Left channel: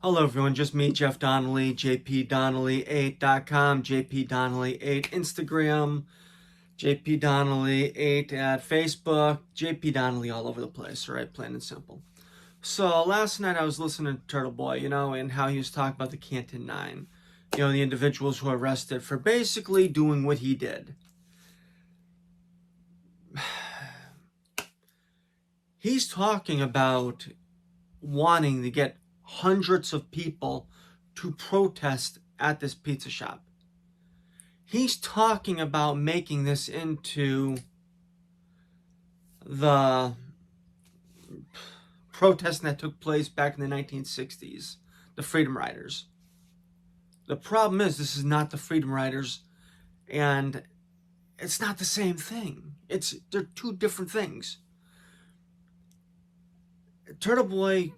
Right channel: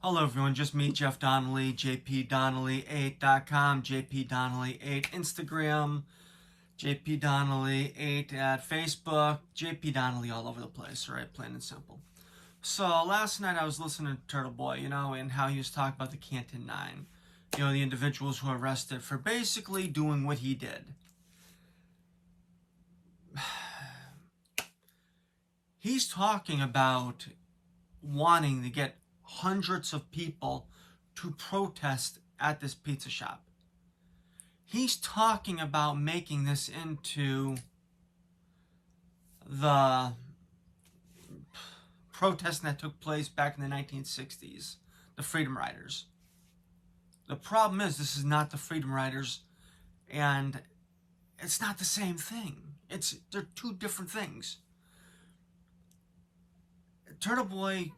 Hello everyone, just me, Jeff Donnelly, jpdonnelly8.com, jpdonnelly8 Instagram, jpdonnelly8 at Facebook, jpdonnelly all over the place, right? Plain and simple. So last night I was listening to Turtleboy, and how he was talking about the Canton Nine, the individuals who were arrested for basically doing what he did. He's talking about wanting to get hundreds of people to protest at this pizza shop. He's talking about making this into the protest that took place back in the 1960s, the Freedom Riders. The problem is this is not the Freedom Riders, and it's not the same thing. They're two different things. Turtleboy,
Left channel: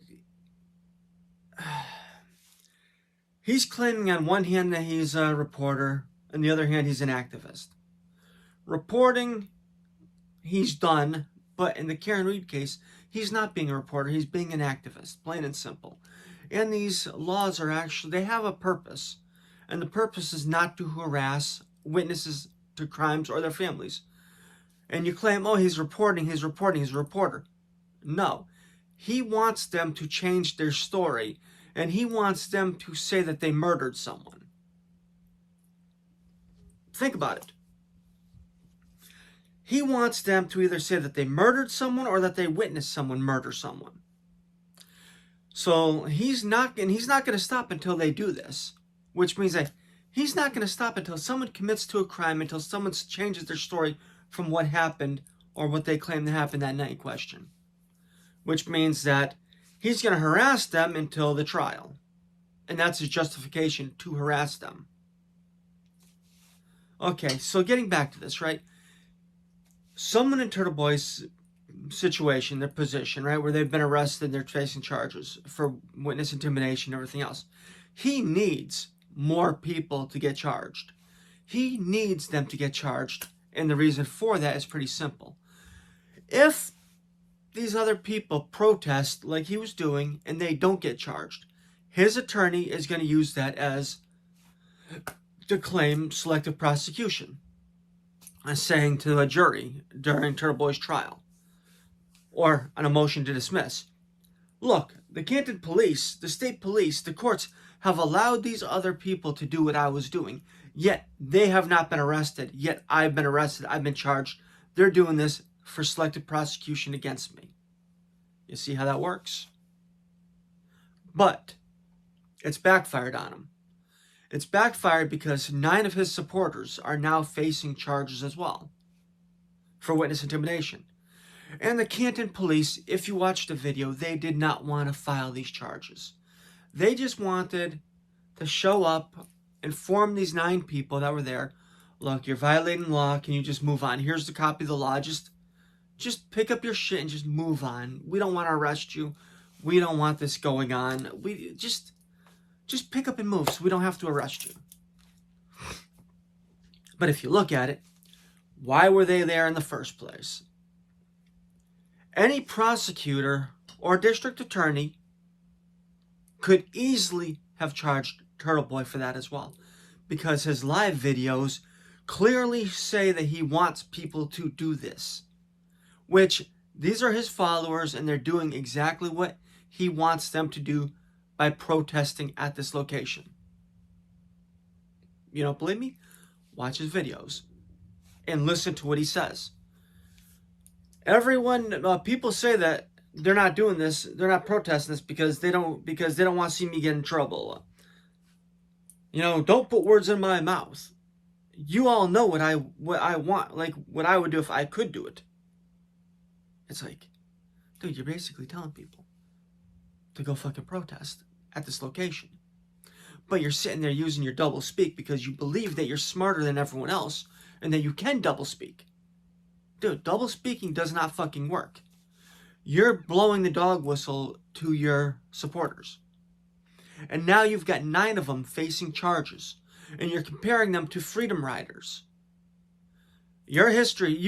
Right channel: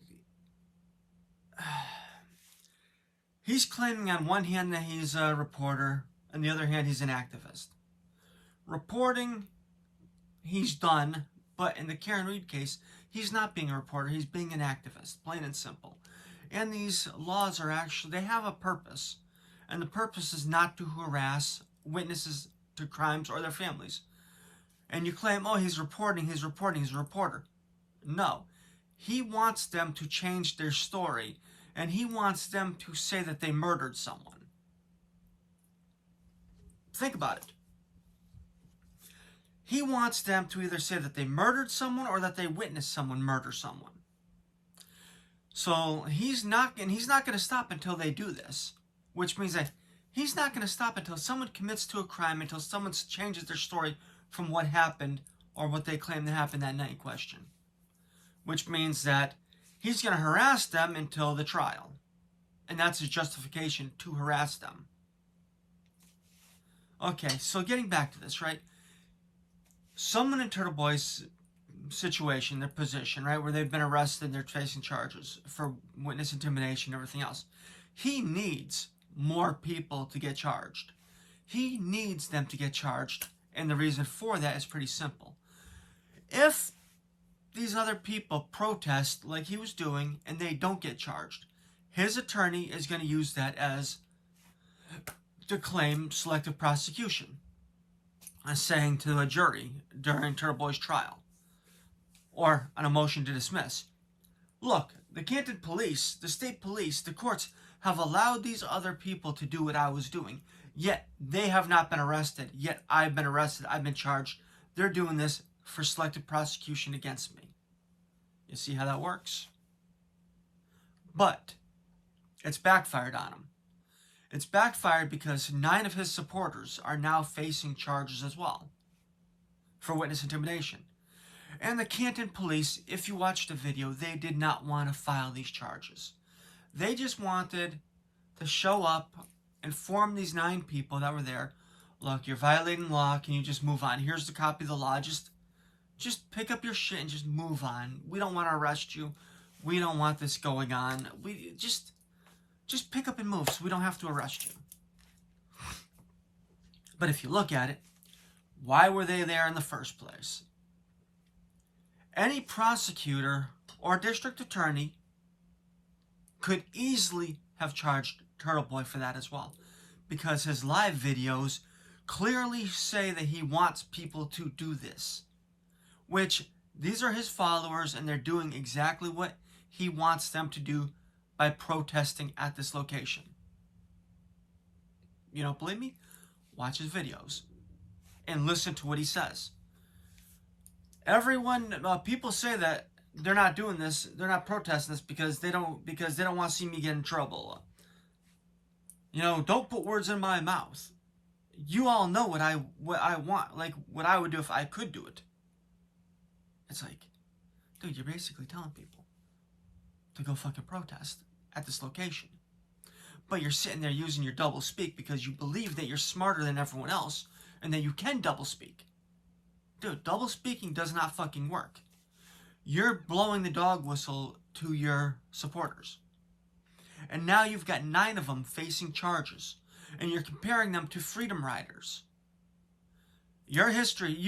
he's claiming on one hand that he's a reporter, on the other hand he's an activist. Reporting, he's done, but in the Karen Reed case, he's not being a reporter, he's being an activist, plain and simple. And these laws are actually, they have a purpose, and the purpose is not to harass witnesses to crimes or their families. And you claim, oh, he's reporting, he's a reporter. No. He wants them to change their story, and he wants them to say that they murdered someone. Think about it. He wants them to either say that they murdered someone or that they witnessed someone murder someone. So he's not going to stop until they do this, which means that he's not going to stop until someone commits to a crime, until someone changes their story from what happened or what they claim to happen that night in question. Which means that he's going to harass them until the trial. And that's his justification, to harass them. Okay, so getting back to this, right? Someone in Turtleboy's situation, their position, right, where they've been arrested, they're facing charges for witness intimidation and everything else. He needs more people to get charged. He needs them to get charged, and the reason for that is pretty simple. If these other people protest like he was doing and they don't get charged, his attorney is going to use that as to claim selective prosecution, as saying to a jury during Turtleboy's trial, or on a motion to dismiss, look, the Canton police, the state police, the courts have allowed these other people to do what I was doing, yet they have not been arrested, yet I've been arrested, I've been charged. They're doing this for selective prosecution against me. You see how that works? But it's backfired on him. It's backfired because 9 of his supporters are now facing charges as well for witness intimidation. And the Canton police, if you watch the video, they did not want to file these charges. They just wanted to show up, inform these 9 people that were there, look, you're violating law, can you just move on? Here's the copy of the law, just pick up your shit and just move on. We don't want to arrest you. We don't want this going on. We just pick up and move so we don't have to arrest you. But if you look at it, why were they there in the first place? Any prosecutor or district attorney could easily have charged Turtleboy for that as well, because his live videos clearly say that he wants people to do this, which these are his followers, and they're doing exactly what he wants them to do by protesting at this location. You don't believe me? Watch his videos and listen to what he says. People say that they're not doing this, they're not protesting this because they don't want to see me get in trouble. Don't put words in my mouth. You all know what I want, like what I would do if I could do it. It's like, dude, you're basically telling people to go fucking protest at this location. But you're sitting there using your double speak because you believe that you're smarter than everyone else and that you can double speak. Dude, double speaking does not fucking work. You're blowing the dog whistle to your supporters. And now you've got 9 of them facing charges, and you're comparing them to Freedom Riders. You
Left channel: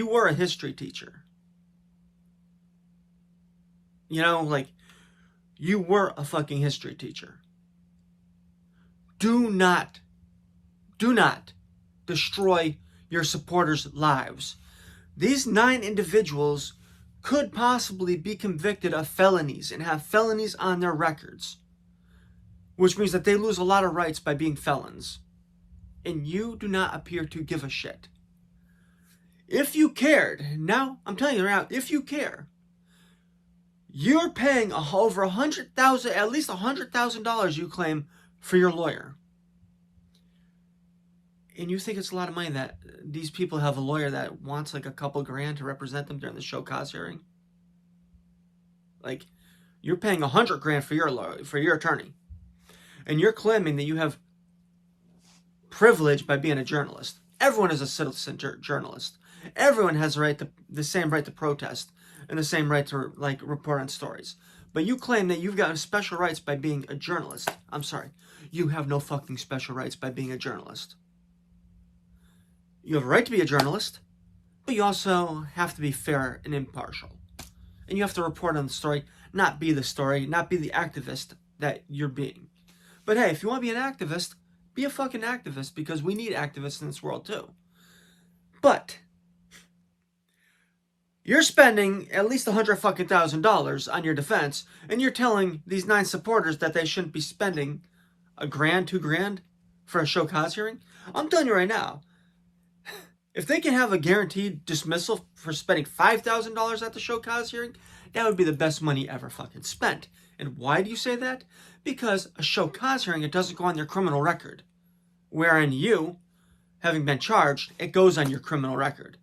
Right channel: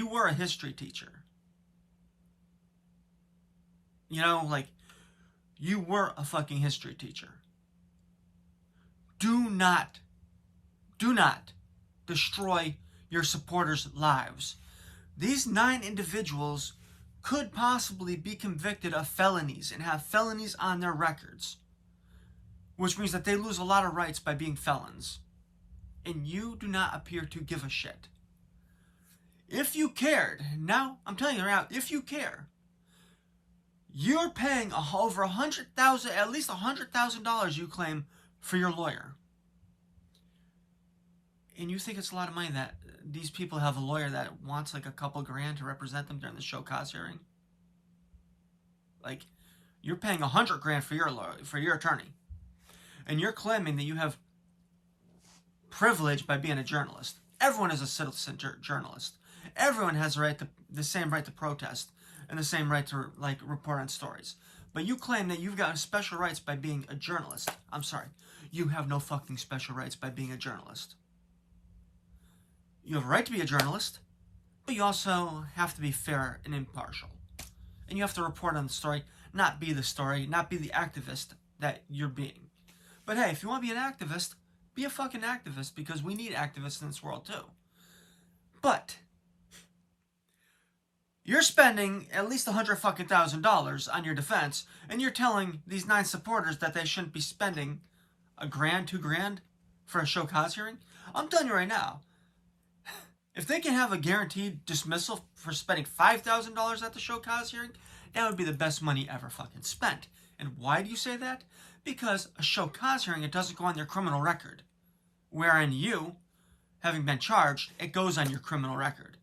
were a history teacher. You were a fucking history teacher. do not destroy your supporters' lives. These 9 individuals could possibly be convicted of felonies and have felonies on their records, which means that they lose a lot of rights by being felons. And you do not appear to give a shit. If you cared, now I'm telling you right now, if you care, you're paying over $100,000, at least $100,000 you claim for your lawyer. And you think it's a lot of money that these people have a lawyer that wants like a couple grand to represent them during the show cause hearing? Like, you're paying $100 grand for your lawyer, for your attorney, and you're claiming that you have privilege by being a journalist. Everyone is a citizen journalist. Everyone has the same right to protest and the same right to report on stories. But you claim that you've got special rights by being a journalist. I'm sorry, you have no fucking special rights by being a journalist. You have a right to be a journalist, but you also have to be fair and impartial. And you have to report on the story, not be the story, not be the activist that you're being. But hey, if you want to be an activist, be a fucking activist, because we need activists in this world too. But you're spending at least $100,000 on your defense, and you're telling these 9 supporters that they shouldn't be spending $1,000, $2,000 for a show cause hearing. I'm telling you right now, if they can have a guaranteed dismissal for spending $5,000 at the show cause hearing, that would be the best money ever fucking spent. And why do you say that? Because a show cause hearing, it doesn't go on your criminal record. Wherein you, having been charged, it goes on your criminal record.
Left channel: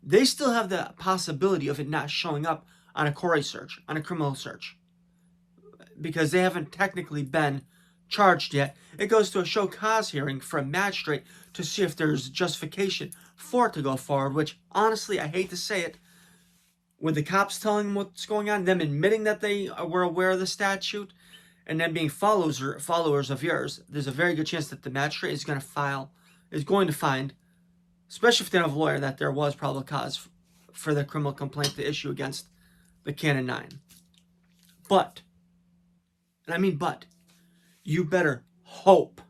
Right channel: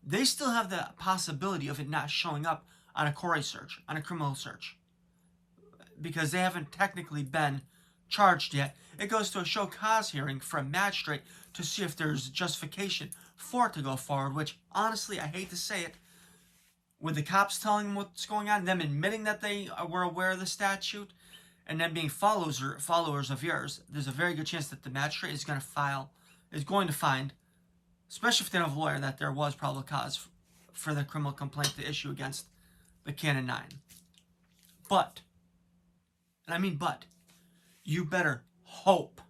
They still have the possibility of it not showing up on a query search, on a criminal search, because they haven't technically been charged yet. It goes to a show cause hearing for a magistrate to see if there's justification for it to go forward, which, honestly, I hate to say it, with the cops telling them what's going on, them admitting that they were aware of the statute, and then being followers of yours, there's a very good chance that the magistrate is going to find, especially if they don't have a lawyer, that there was probable cause for the criminal complaint to issue against the Canon 9. But, and I mean but, you better hope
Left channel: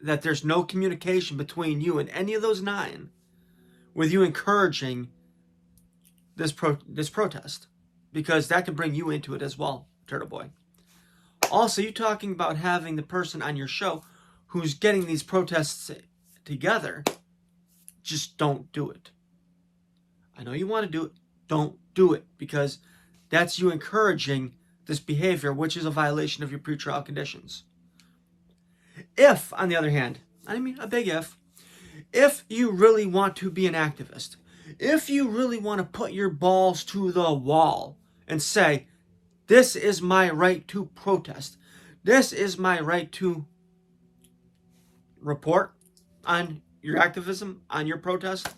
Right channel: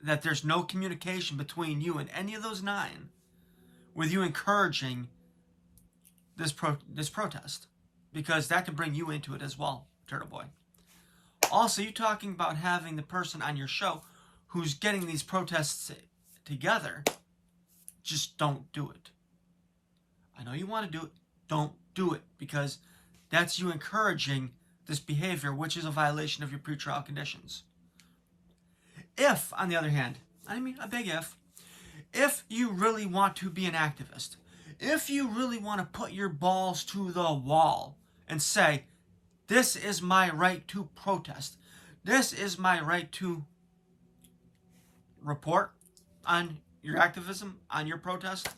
that there's no communication between you and any of those 9 with you encouraging this protest, because that can bring you into it as well, Turtleboy. Also, you talking about having the person on your show who's getting these protests together, just don't do it. I know you want to do it. Don't do it, because that's you encouraging this behavior, which is a violation of your pretrial conditions. If, on the other hand, I mean a big if you really want to be an activist, if you really want to put your balls to the wall and say, this is my right to protest, this is my right to report on your activism, on your protest,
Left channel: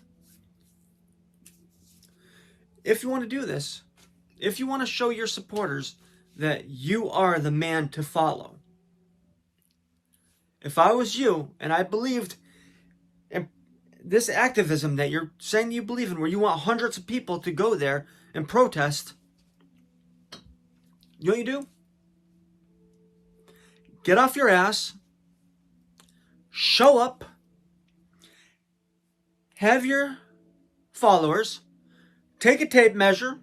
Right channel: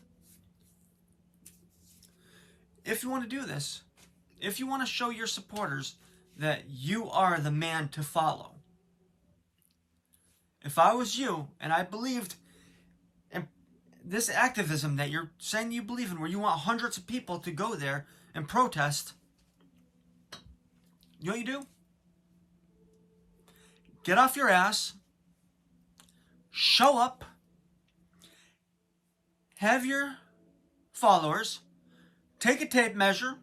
if you want to do this, if you want to show your supporters that you are the man to follow, if I was you and I believed in this activism that you're saying you believe in, where you want hundreds of people to go there and protest, you know what you do? Get off your ass, show up, have your followers take a tape measure,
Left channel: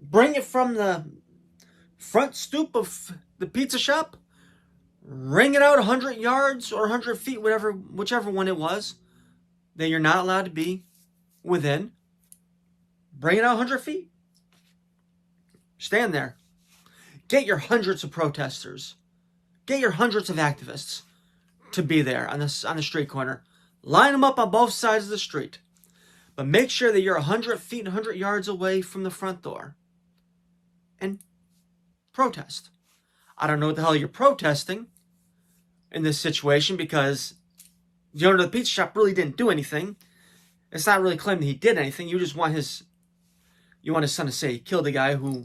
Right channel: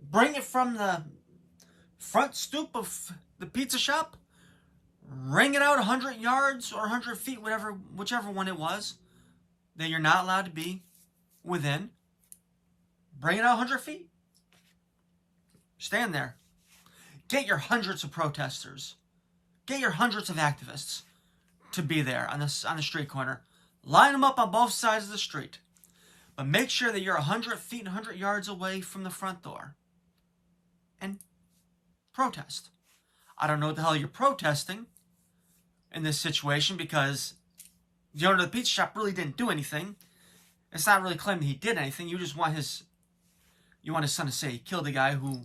bring it from the front stoop of the pizza shop, ring it out 100 yards or 100 feet, whichever one it was that you're not allowed to be within. Bring it out 100 feet. Stand there. Get your hundreds of protesters. Get your hundreds of activists to be there on the street corner. Line them up on both sides of the street. But make sure that you're 100 feet and 100 yards away from the front door. And protest. I don't know what the hell you're protesting in this situation, because the owner of the pizza shop really didn't do anything. It's not really claiming he did anything. You just want his son to say he killed a guy who...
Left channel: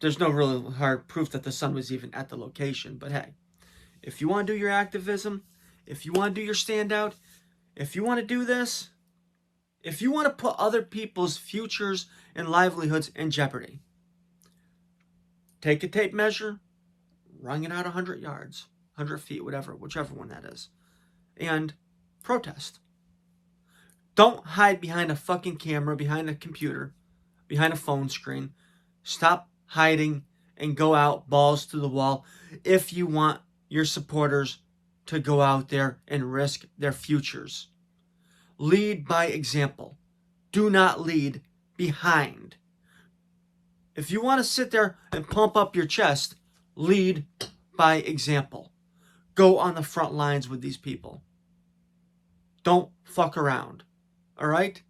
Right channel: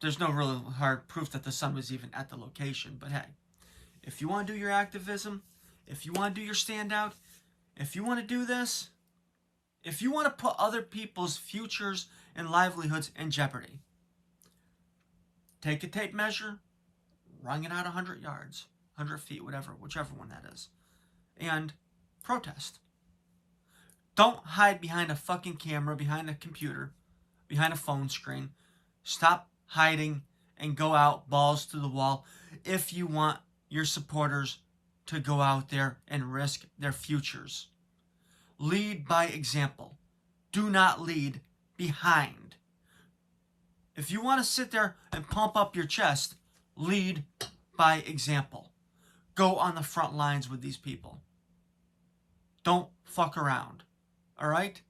There's no real hard proof that the son was even at the location. But hey, if you want to do your activism, if you want to do your standout, if you want to do this, if you want to put other people's futures and livelihoods in jeopardy, take a tape measure, run it out 100 yards. 100 feet, whichever one that is, and protest. Don't hide behind a fucking camera, behind a computer, behind a phone screen. Stop hiding and go out balls to the wall if you want your supporters to go out there and risk their futures. Lead by example. Do not lead behind. If you want to sit there and pump up your chest, lead by example. Go on the front lines with these people. Don't fuck around. All right?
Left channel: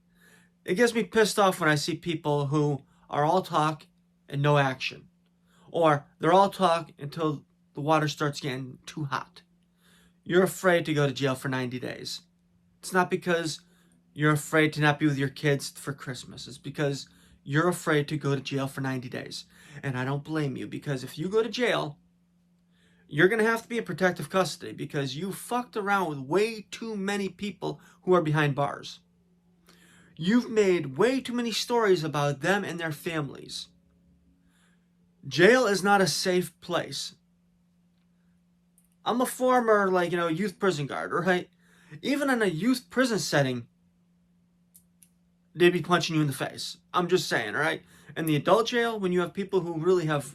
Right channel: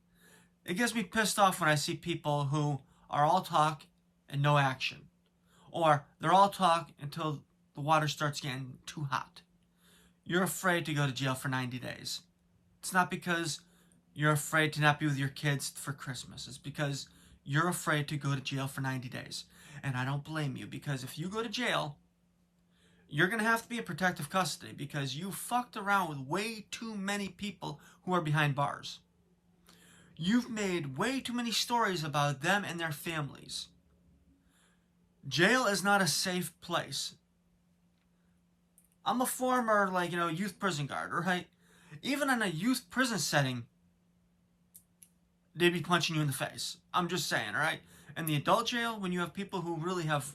It gets me pissed off when I see people who are all talk and no action. Or they're all talk until the water starts getting too hot. You're afraid to go to jail for 90 days. It's not because you're afraid to not be with your kids for Christmas. It's because you're afraid to go to jail for 90 days. And I don't blame you, because if you go to jail, you're going to have to be in protective custody because you fucked around with way too many people who are behind bars. You've made way too many stories about them and their families. Jail is not a safe place. I'm a former, youth prison guard, right? Even in a youth prison setting, they'd be punching you in the face. I'm just saying, all right? In the adult jail, when you have people who really have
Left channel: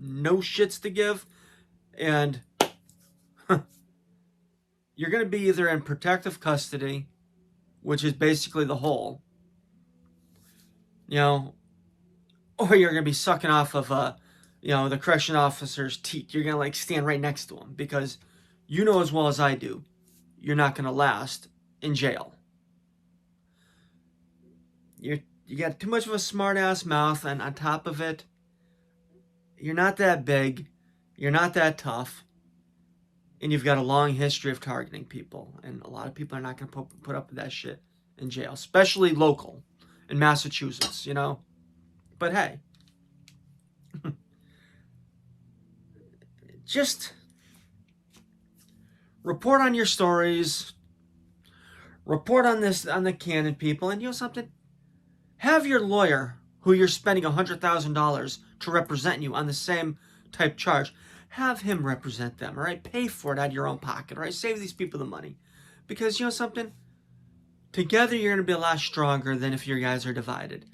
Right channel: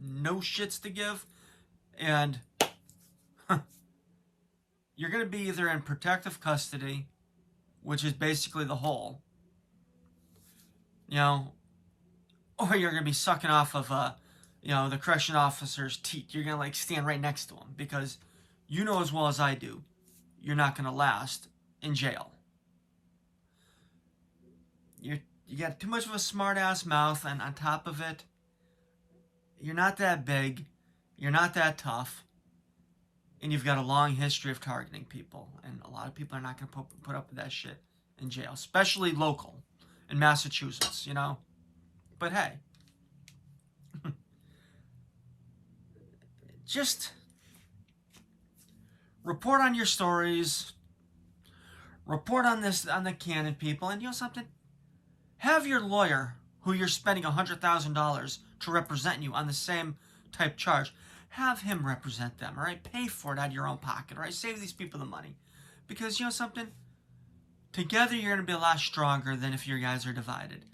no shits to give, and you're going to be either in protective custody, which is basically the hole, or you're going to be sucking off of, the correction officer's teat. You're going to, stand right next to him because you know as well as I do, you're not going to last in jail. You got too much of a smart-ass mouth, and on top of it, you're not that big, you're not that tough, and you've got a long history of targeting people, and a lot of people are not going to put up with that shit in jail, especially local in Massachusetts, But hey, just report on your stories, report on the Cannon people, and something? Have your lawyer, who you're spending $100,000 to represent you on the same type charge, have him represent them, all right? Pay for it out of your own pocket, all right? Save these people the money. Because, something? Together, you're going to be a lot stronger than if your guys are divided.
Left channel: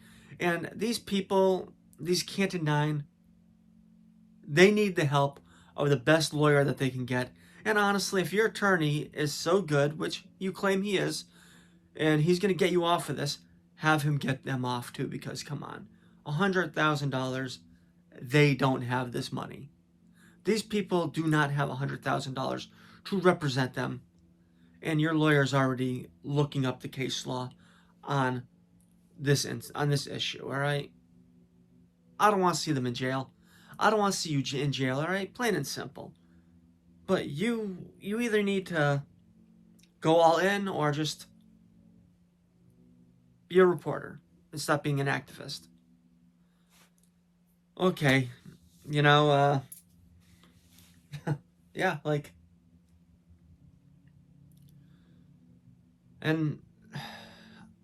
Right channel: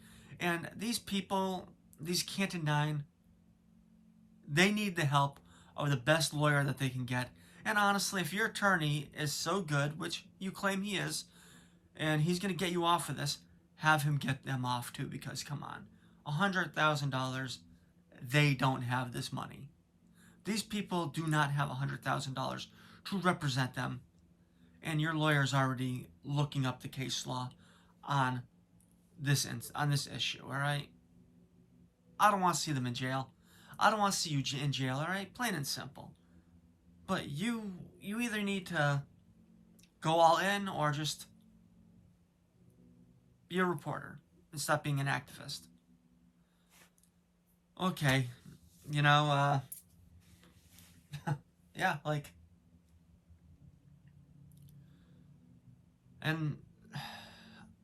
And these people, these Canton Nine, they need the help of the best lawyer that they can get. And honestly, if your attorney is so good, which you claim he is, and he's going to get you off of this, have him get them off too, because come on, $100,000, they don't have this money. These people do not have $100,000 to represent them, and your lawyer's already looking up the case law on this issue, all right? I don't want to see them in jail. I don't want to see you in jail, all right? Plain and simple. But you either need to go all in or just be a reporter and stop being an activist. Okay, yeah, and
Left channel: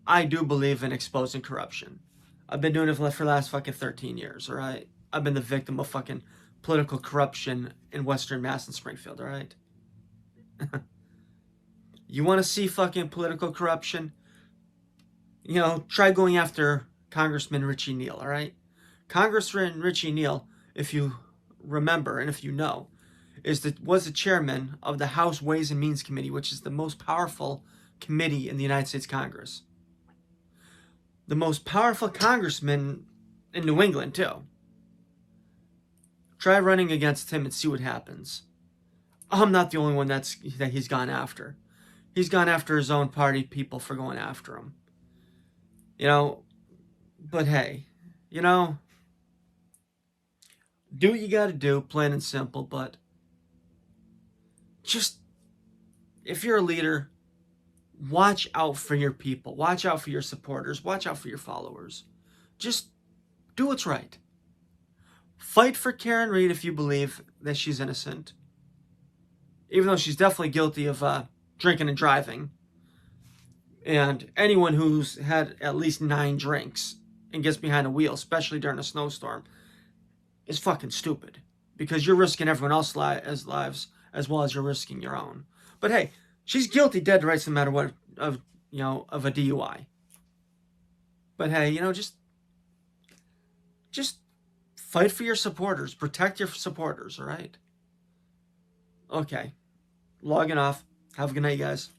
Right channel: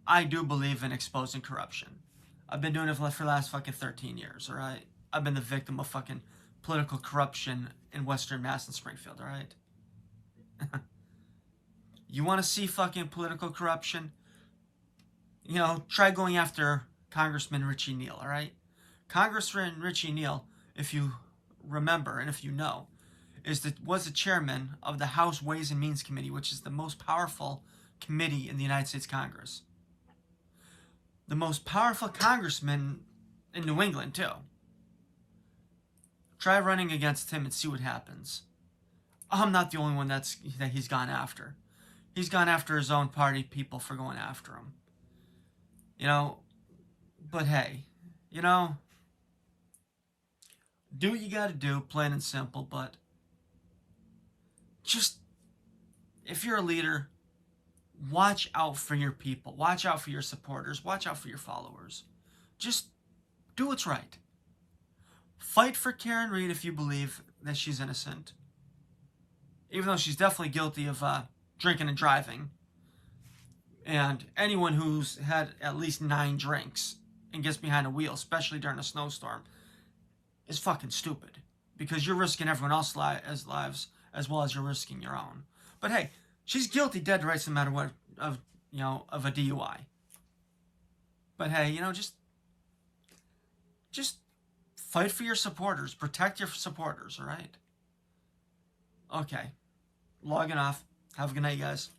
I do believe in exposing corruption. I've been doing it for the last fucking 13 years, all right? I've been the victim of fucking political corruption in Western Mass and Springfield, all right? You want to see fucking political corruption? Try going after Congressman Richie Neal, all right? Congressman Richie Neal, if you remember and if you know, was the chairman of the House Ways and Means Committee, which is the most powerful committee in the United States Congress. The most powerful congressman in New England, too. Try running against him and see what happens. I'm not the only one that he's gone after. He's gone after his own party people for going after him. But hey, do what you gotta do, plain and simple, but just, if you're a leader, watch out for your people, watch out for your supporters, watch out for your followers. Just do what's right. Fight for Karen Read if you believe that she's innocent, even though she's definitely guilty of drinking and driving. And anyone who's had at least 9 drinks and gets behind a wheel, especially during a snowstorm, is fucking stupid. Because you're risking everyone else's lives as well as you're risking your own. But hey, she's guilty, dead to rights, no matter what, of a DUI. But hey, just fight for your supporters, protect your supporters. All right. Okay, logging off. Have a good night, guys.